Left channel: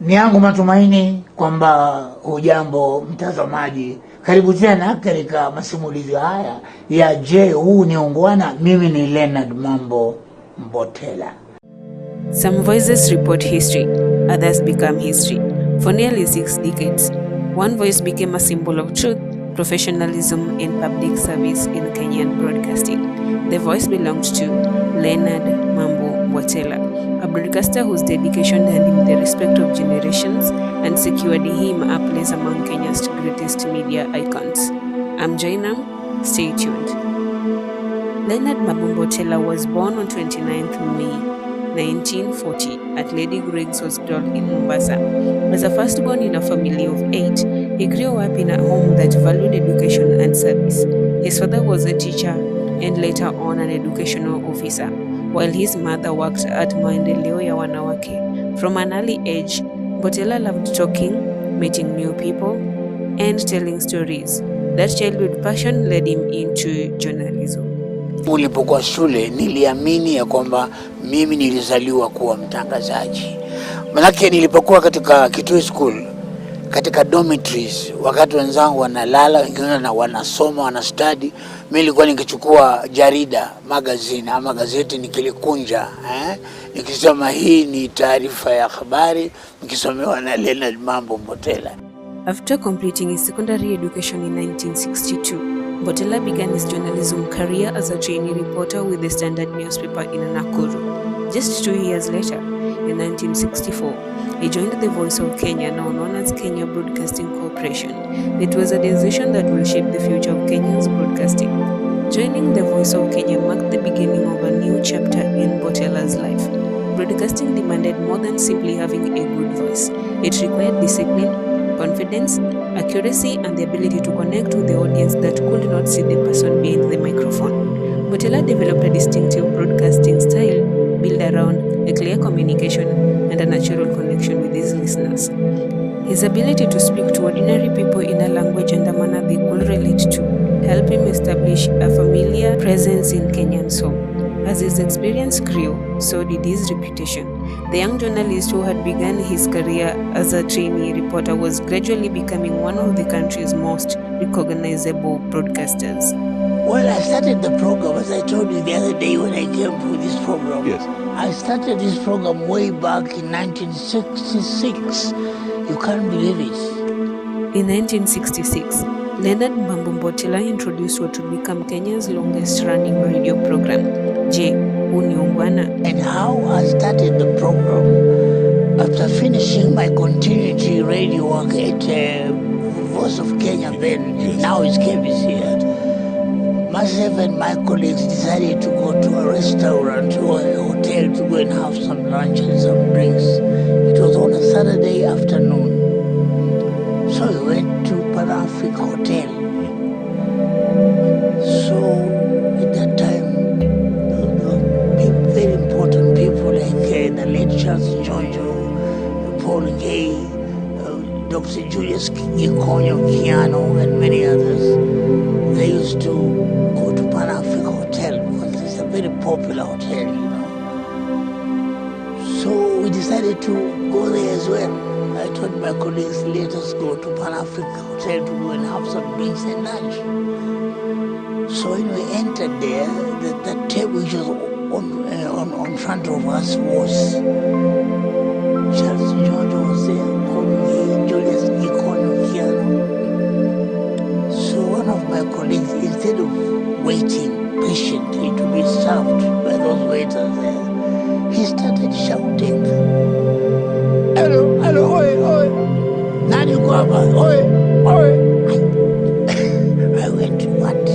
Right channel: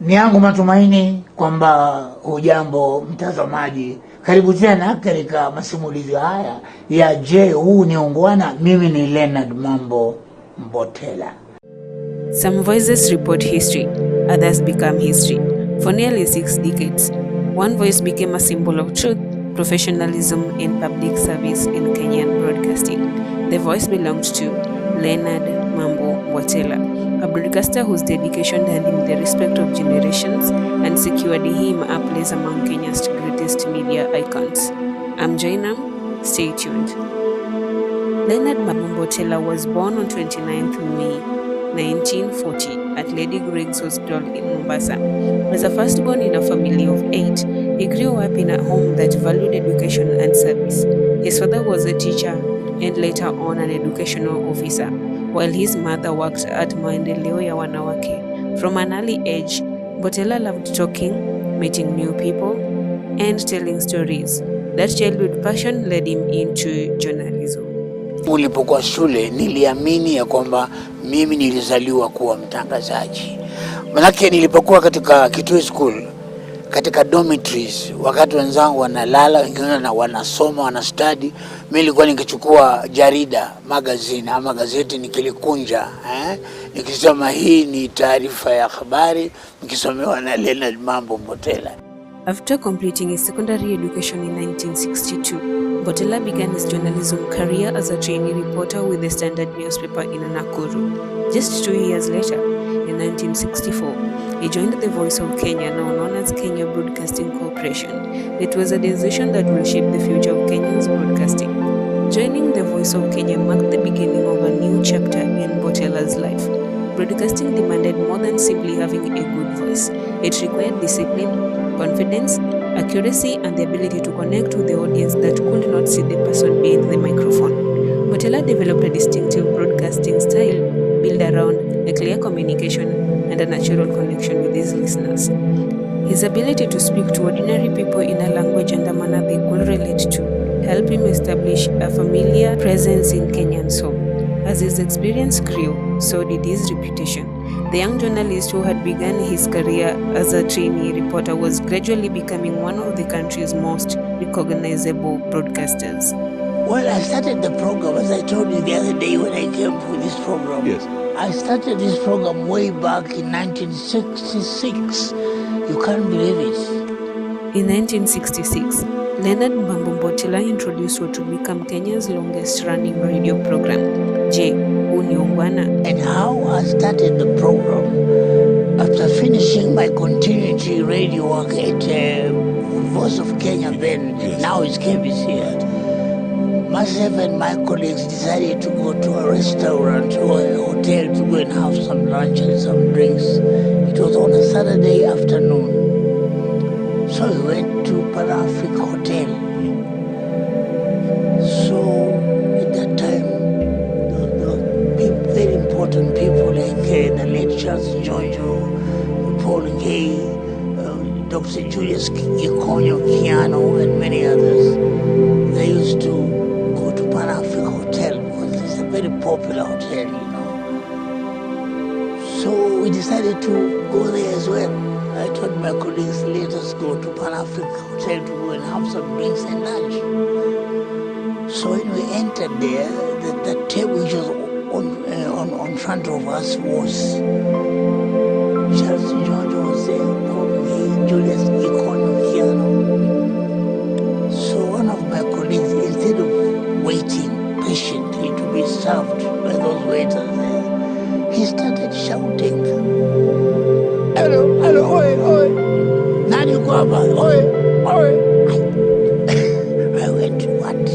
Ni yangu matumaini kwamba hujambo mtazamaji. Karibu tena katika masimulizi haya ya Je, huu ni ungwana? Mimi ni Leonard Mambo Mbotela. Some voices report history, others become history. For nearly 6 decades, one voice became a symbol of truth, professionalism, and public service in Kenyan broadcasting. The voice belonged to Leonard Mambo Mbotela, a broadcaster whose dedication earned him the respect of generations and secured him a place among Kenya's greatest media icons. I'm Jainam, stay tuned. Leonard Mambo Mbotela was born on 29th May 1940 at Lady Greg's Hospital in Mombasa. As a firstborn in a family of 8, he grew up in a home that valued education and service. His father was a teacher and later on an educational officer, while his mother worked at Maendeleo ya Wanawake. From an early age, Mbotela loved talking, meeting new people, and telling stories. That childhood passion led him into journalism. Nilipokuwa shule niliamini ya kwamba mimi nilizaliwa kuwa mtangazaji. Manake nilipokuwa katika Kitui School, katika dormitories, wakati wenzangu wanalala, wengine wanasoma, wanastudy, mimi nilikuwa nikichukua jarida, magazine ama gazeti nikilikunja, nikisema hii ni taarifa ya habari, nikisomewa na Leonard Mambo Mbotela. After completing his secondary education in 1962, Mbotela began his journalism career as a trainee reporter with the Standard newspaper in Nakuru. Just 2 years later, in 1964, he joined the Voice of Kenya, now known as Kenya Broadcasting Corporation. It was a decision that will shape the future of Kenya's broadcasting. Joining the Voice of Kenya marked the beginning of a new chapter in Mbotela's life. Broadcasting demanded more than simply having a good voice. It required discipline, confidence, accuracy, and the ability to connect with the audience that could not see the person behind the microphone. Mbotela developed a distinctive broadcasting style built around a clear communication and a natural connection with his listeners. His ability to speak to ordinary people in a language and a manner they could relate to helped him establish a familiar presence in Kenyan's home. As his experience grew, so did his reputation. The young journalist who had begun his career as a trainee reporter was gradually becoming one of the country's most recognizable broadcasters. Well, I started the program, as I told you the other day when I came for this program. Yes. I started this program way back in 1966. You can't believe it. In 1966, Leonard Mambo Mbotela introduced what would become Kenya's longest-running radio program, Je, huu ni ungwana? And how I started the program, after finishing my continuity radio work at Voice of Kenya then, yes. Now it's KBC. Myself and my colleagues decided to go to a restaurant or a hotel to go and have some lunch and some drinks. It was on a Saturday afternoon. So we went to Pan-Africa Hotel. So at that time, the very important people like the late Charles Jojo, Paul Gay, Dr. Julius Gikonyo Kiano, and many others, they used to go to Pan-Africa Hotel because it's a very popular hotel, you know. So we decided to go there as well. I told my colleagues, let us go to Pan-Africa Hotel to go and have some drinks and lunch. So when we entered there, the table which was on front of us was Charles George was there, Paul Gay, Julius Gikonyo Kiano. So one of my colleagues, instead of waiting patiently to be served by those waiters there, he started shouting, hello, hello, oi, oi, nani uko hapa, oi, oi. I went, what?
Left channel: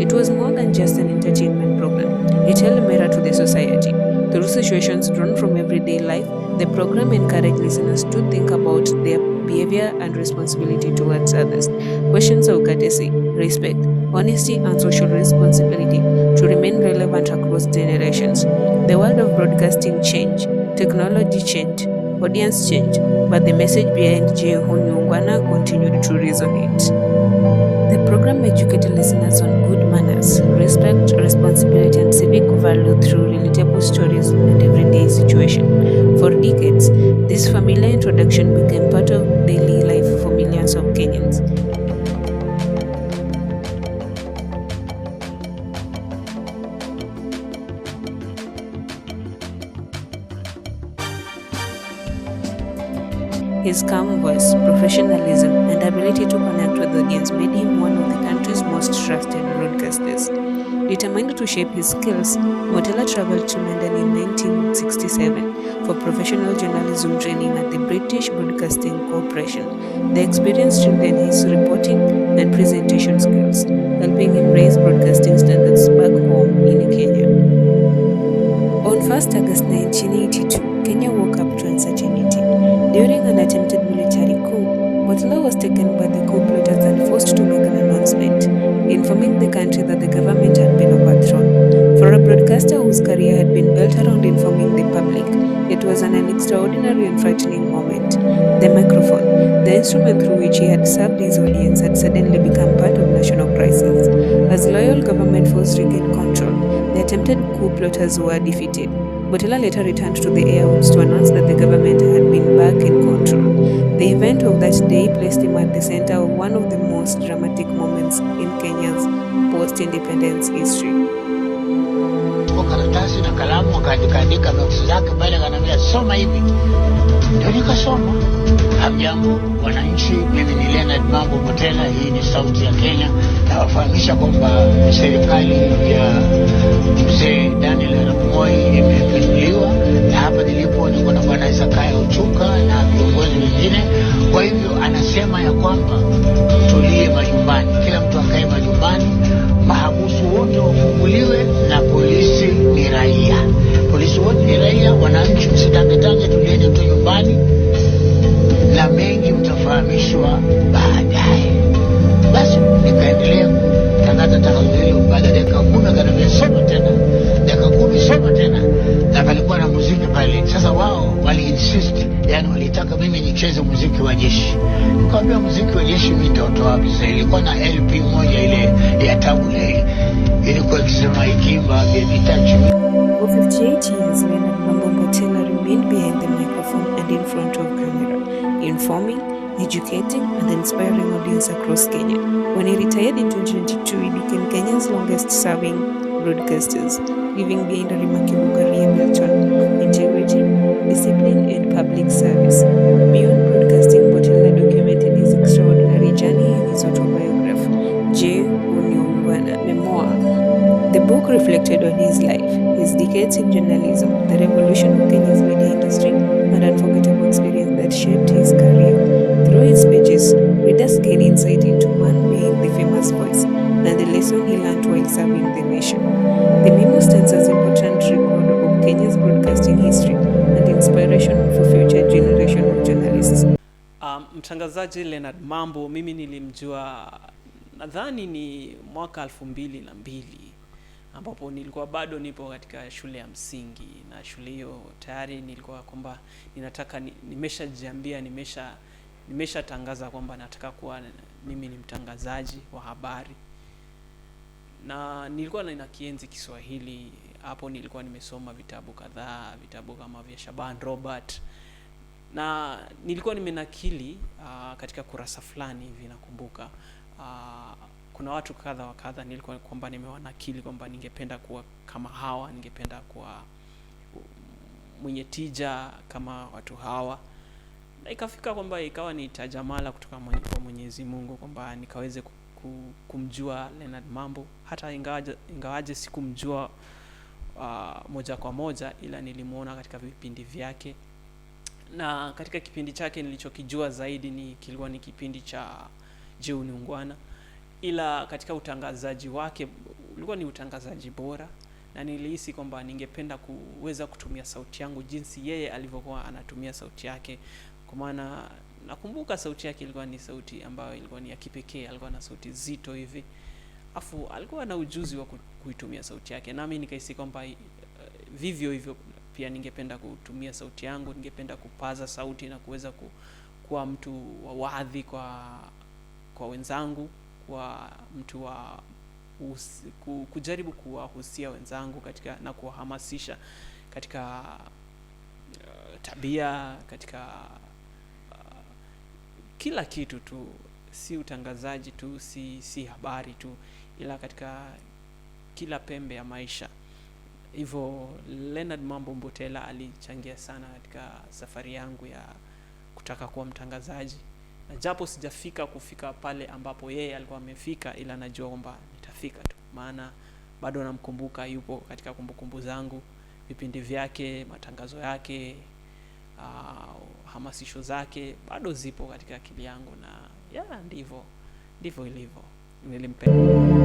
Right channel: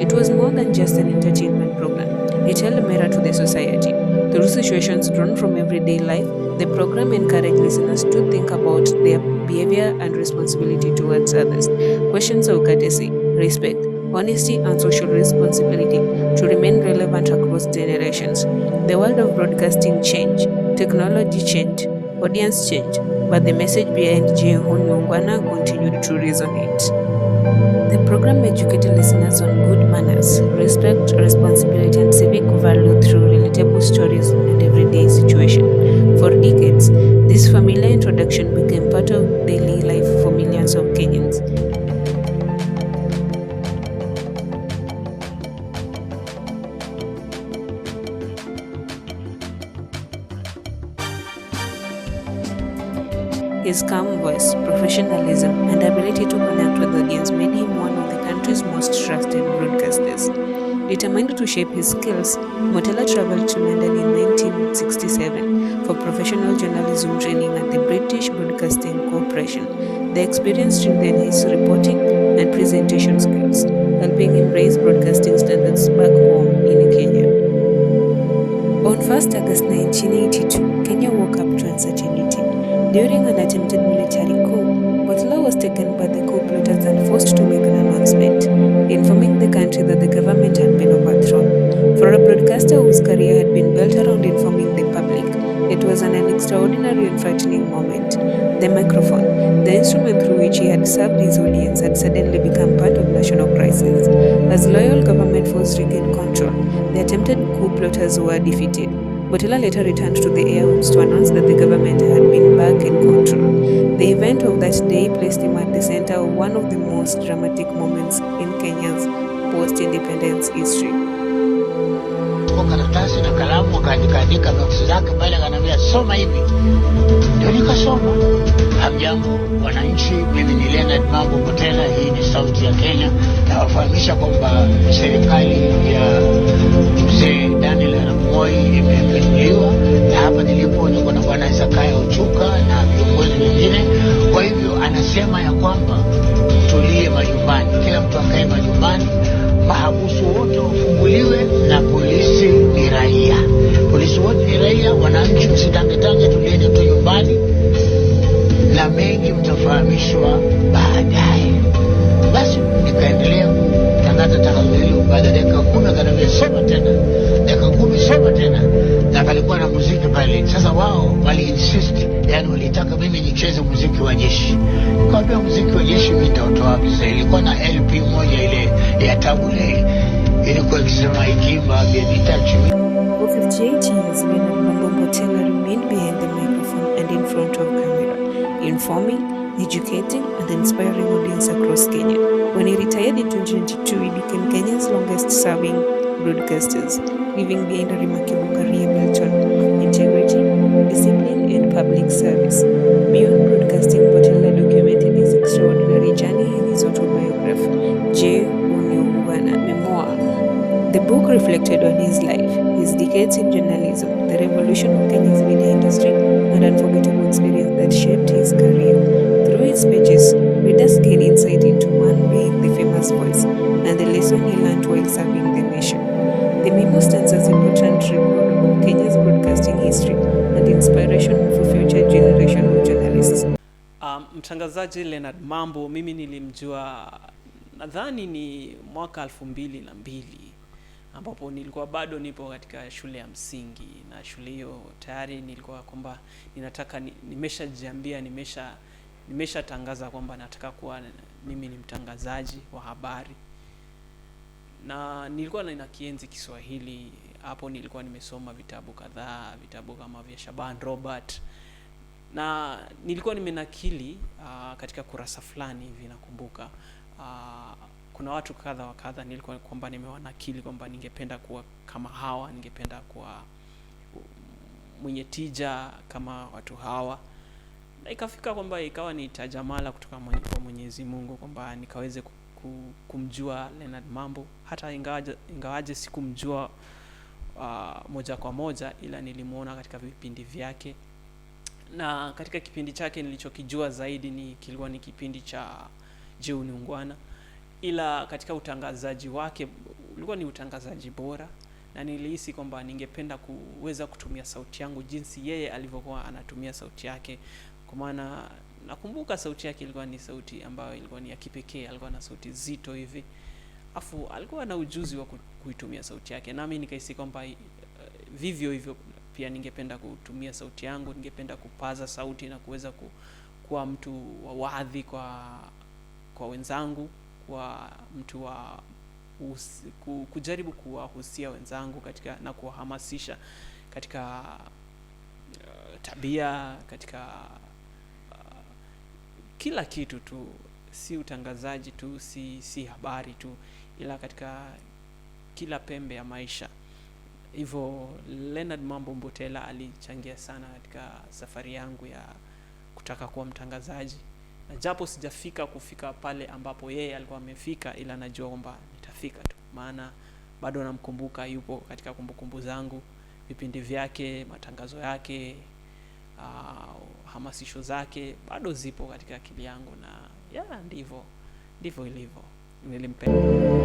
It was more than just an entertainment program. It held a mirror to the society. Through situations drawn from everyday life, the program encouraged listeners to think about their behavior and responsibility towards others. Questions of courtesy, respect, honesty, and social responsibility to remain relevant across generations. The world of broadcasting changed, technology changed, audience changed, but the message behind Je, huu ni ungwana continued to resonate. The program educated listeners on good manners, respect, responsibility, and civic value through relatable stories and everyday situations. For decades, this familiar introduction became part of daily life for millions of Kenyans. His calm voice, professionalism, and ability to connect with the audience made him one of the country's most trusted broadcasters. Determined to shape his skills, Mbotela traveled to London in 1967 for professional journalism training at the British Broadcasting Corporation. The experience strengthened his reporting and presentation skills, helping him raise broadcasting standards back home in Kenya. On 1st August 1982, Kenya woke up to uncertainty. During an attempted military coup, Mbotela was taken by the coup plotters and forced to make an announcement, informing the country that the government had been overthrown. For a broadcaster whose career had been built around informing the public, it was an extraordinary and frightening moment. The microphone, the instrument through which he had served his audience, had suddenly become part of national crisis. As loyal government forces regained control, the attempted coup plotters were defeated. Mbotela later returned to the airwaves to announce that the government had been back in control. The event of that day placed him at the center of one of the most dramatic moments in Kenya's post-independence history. Kwa karatasi na kalamu akaandika notes zake pale, akaniambia soma hivi. Ndio nikasoma. Hamjambo wananchi, mimi ni Leonard Mambo Mbotela, hii ni sauti ya Kenya. Na wafahamisha kwamba serikali ya mzee Daniel Arap Moi imepinduliwa, na hapa nilipo niko na bwana Isakaya Uchuka na viongozi wengine. Kwa hivyo anasema ya kwamba tulie majumbani, kila mtu akae majumbani, mahabusu wote wafunguliwe, na polisi ni raia. Polisi wote ni raia, wananchi msitangetange, tulieni tu nyumbani na mengi mtafahamishwa baadaye. Basi nikaendelea kutangaza tangazo hilo. Baada ya dakika 10 akaniambia soma tena, dakika 10 soma tena, na palikuwa na muziki pale. Sasa wao wali insist, yani walitaka mimi nicheze muziki wa jeshi. Nikamwambia muziki wa jeshi mimi nitatoa wapi? Sasa ilikuwa na LP moja ile ya Tabule, ilikuwa ikisema ikimba baby touch me. For 58 years, Leonard Mbotela remained behind the microphone and in front of camera, informing, educating, and inspiring audience across Kenya. When he retired in 2022, he became Kenya's longest-serving broadcasters, leaving behind a remarkable career built on integrity, discipline, and public service. Beyond broadcasting, Mbotela documented his extraordinary journey in his autobiography, Memoir. The book reflected on his life, his decades in journalism, the revolution of Kenya's media industry, and unforgettable experience that shaped his career. Through his pages, readers gain insight into man being the famous voice and the lesson he learned while serving the nation. The memo stands as an important record of Kenya's broadcasting history and inspiration for future generation of journalists. Mtangazaji Leonard Mambo, mimi nilimjua nadhani ni mwaka 2002, ambapo nilikuwa bado nipo katika shule ya msingi, na shule hiyo tayari nilikuwa kwamba ninataka nimeshajiambia nimeshatangaza kwamba nataka kuwa mimi ni mtangazaji wa habari. Na nilikuwa nina kienzi Kiswahili. Hapo nilikuwa nimesoma vitabu kadhaa, vitabu kama vya Shaban Robert, na nilikuwa nimenakili katika kurasa fulani hivi. Nakumbuka kuna watu kadha wa kadha nilikuwa kwamba nimewanakili kwamba ningependa kuwa kama hawa, ningependa kuwa mwenye tija kama watu hawa. Na ikafika kwamba ikawa ni tajamala kutoka kwa Mwenyezi Mungu kwamba nikaweze kumjua Leonard Mambo, hata ingawaje sikumjua moja kwa moja, ila nilimuona katika vipindi vyake. Na katika kipindi chake nilichokijua zaidi kilikuwa ni kipindi cha Je Uniungwana, ila katika utangazaji wake ulikuwa ni utangazaji bora, na nilihisi kwamba ningependa kuweza kutumia sauti yangu jinsi yeye alivyokuwa anatumia sauti yake. Kwa maana nakumbuka sauti yake ilikuwa ni sauti ambayo ilikuwa ni ya kipekee, alikuwa na sauti zito hivi. Afu alikuwa na ujuzi wa kuitumia sauti yake. Nami nikahisi kwamba vivyo hivyo pia ningependa kutumia sauti yangu, ningependa kupaza sauti na kuweza kuwa mtu wa wadhi kwa wenzangu, kwa mtu wa kujaribu kuwahusia wenzangu katika na kuwahamasisha katika tabia, katika kila kitu tu, si utangazaji tu, si habari tu, ila katika kila pembe ya maisha. Hivyo Leonard Mambo Mbotela alichangia sana katika safari yangu ya kutaka kuwa mtangazaji, na japo kufika pale ambapo yeye alikuwa amefika, ila najua kwamba nitafika tu, maana bado namkumbuka, yupo katika kumbukumbu zangu, vipindi vyake, matangazo yake, hamasisho zake bado zipo katika akili yangu, na ndivyo ilivyo.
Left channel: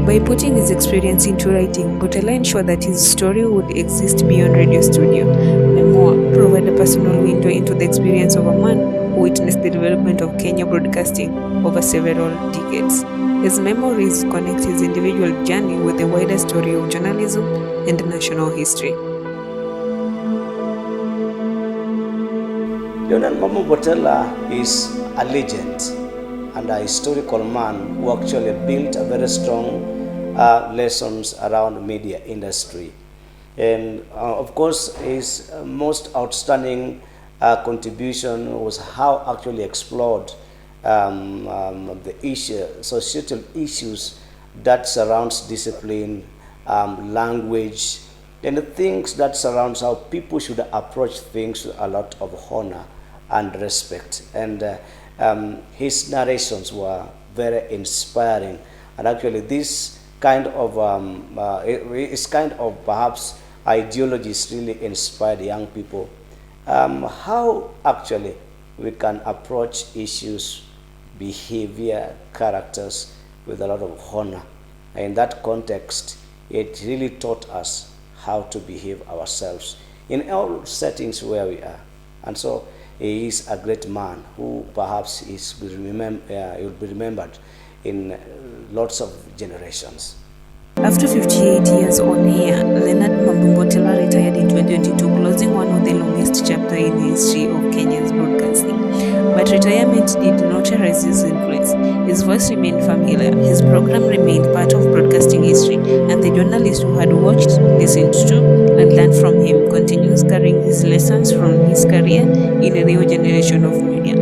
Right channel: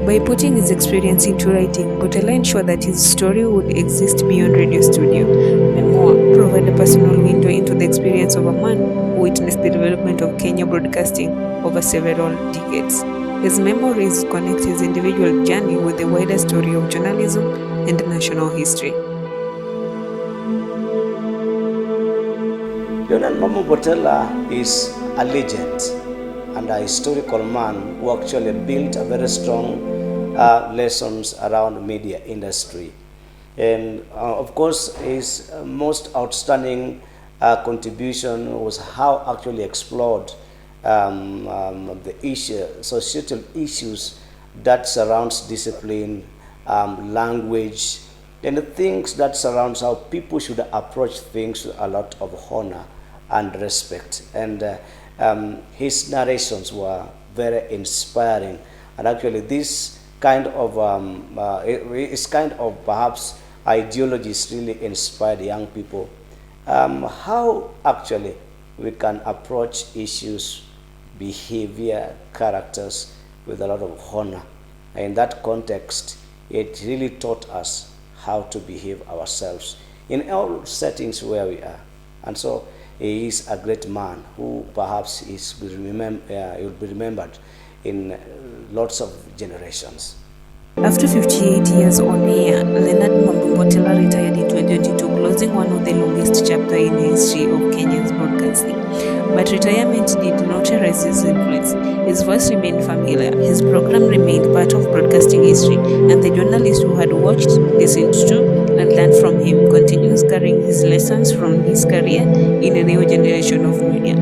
By putting his experience into writing, Mbotela ensured that his story would exist beyond radio studio. Memoir provide a personal window into the experience of a man who witnessed the development of Kenya broadcasting over several decades. His memories connect his individual journey with the wider story of journalism and national history. Leonard Mambo Mbotela is a legend and a historical man who actually built a very strong lessons around media industry. And of course, his most outstanding contribution was how actually explored the societal issues that surrounds discipline, language, and the things that surrounds how people should approach things with a lot of honor and respect. And his narrations were very inspiring, and actually this kind of perhaps ideologies really inspired young people. How actually we can approach issues, behavior, characters with a lot of honor. In that context, it really taught us how to behave ourselves in all settings where we are. And so he is a great man who perhaps will be remembered in lots of generations. After 58 years on air, Leonard Mambo Mbotela retired in 2022, closing one of the longest chapters in the history of Kenya's broadcasting. But retirement did not erase his influence. His voice remained familiar, his program remained part of broadcasting history, and the journalist who had watched, listened to, and learned from him continues carrying his lessons from his career in a new generation of media.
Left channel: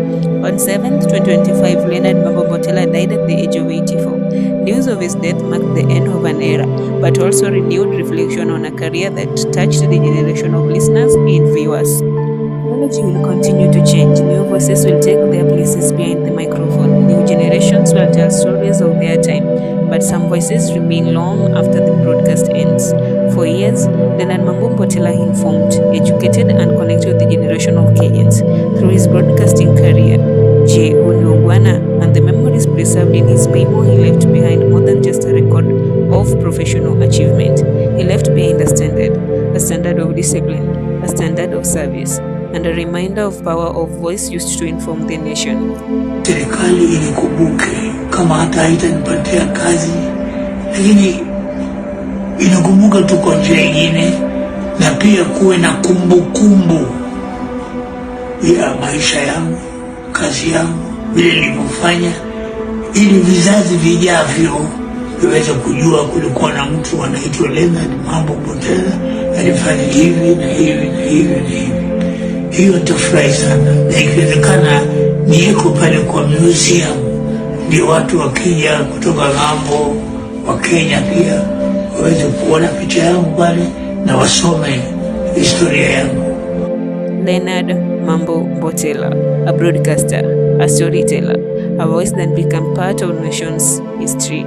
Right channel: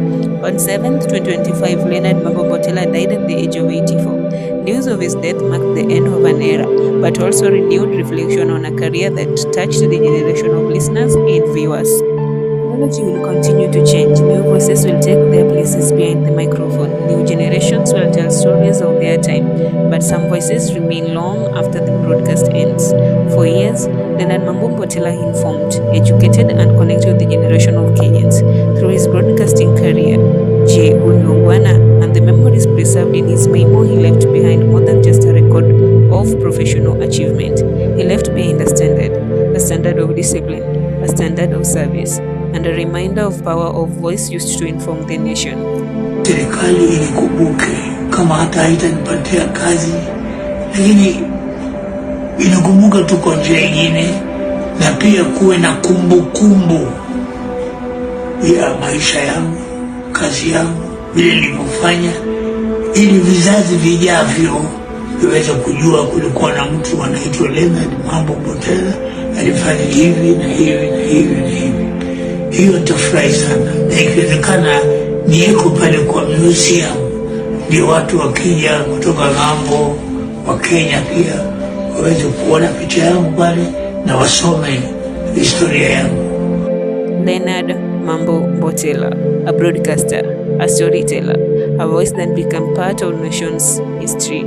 On 7th, 2025, Leonard Mambo Mbotela died at the age of 84. News of his death marked the end of an era, but also renewed reflection on a career that touched the generation of listeners and viewers. Technology will continue to change. New voices will take their places behind the microphone. New generations will tell stories of their time, but some voices remain long after the broadcast ends. For years, Leonard Mambo Mbotela informed, educated, and connected with the generation of Kenyans. Through his broadcasting career, and the memories preserved in his memo, he left behind more than just a record of professional achievement. He left behind a standard of discipline, a standard of service, and a reminder of power of voice used to inform the nation. Serikali inikumbuke kama hata haitanipatia kazi, lakini inakumbuka tu kwa njia nyingine, na pia kuwe na kumbukumbu ya maisha yangu, kazi yangu, vile nilivyofanya, ili vizazi vijavyo viweze kujua kulikuwa na mtu anaitwa Leonard Mambo Mbotela alifanya hivi na hivi na hivi na hivi. Hiyo nitafurahi sana, na ikiwezekana nieko pale kwa museum, ndio watu wakija kutoka ng'ambo wa Kenya pia waweze kuona picha yangu pale na wasome historia yangu. Leonard Mambo Mbotela, a broadcaster, a storyteller, a voice that became part of nation's history.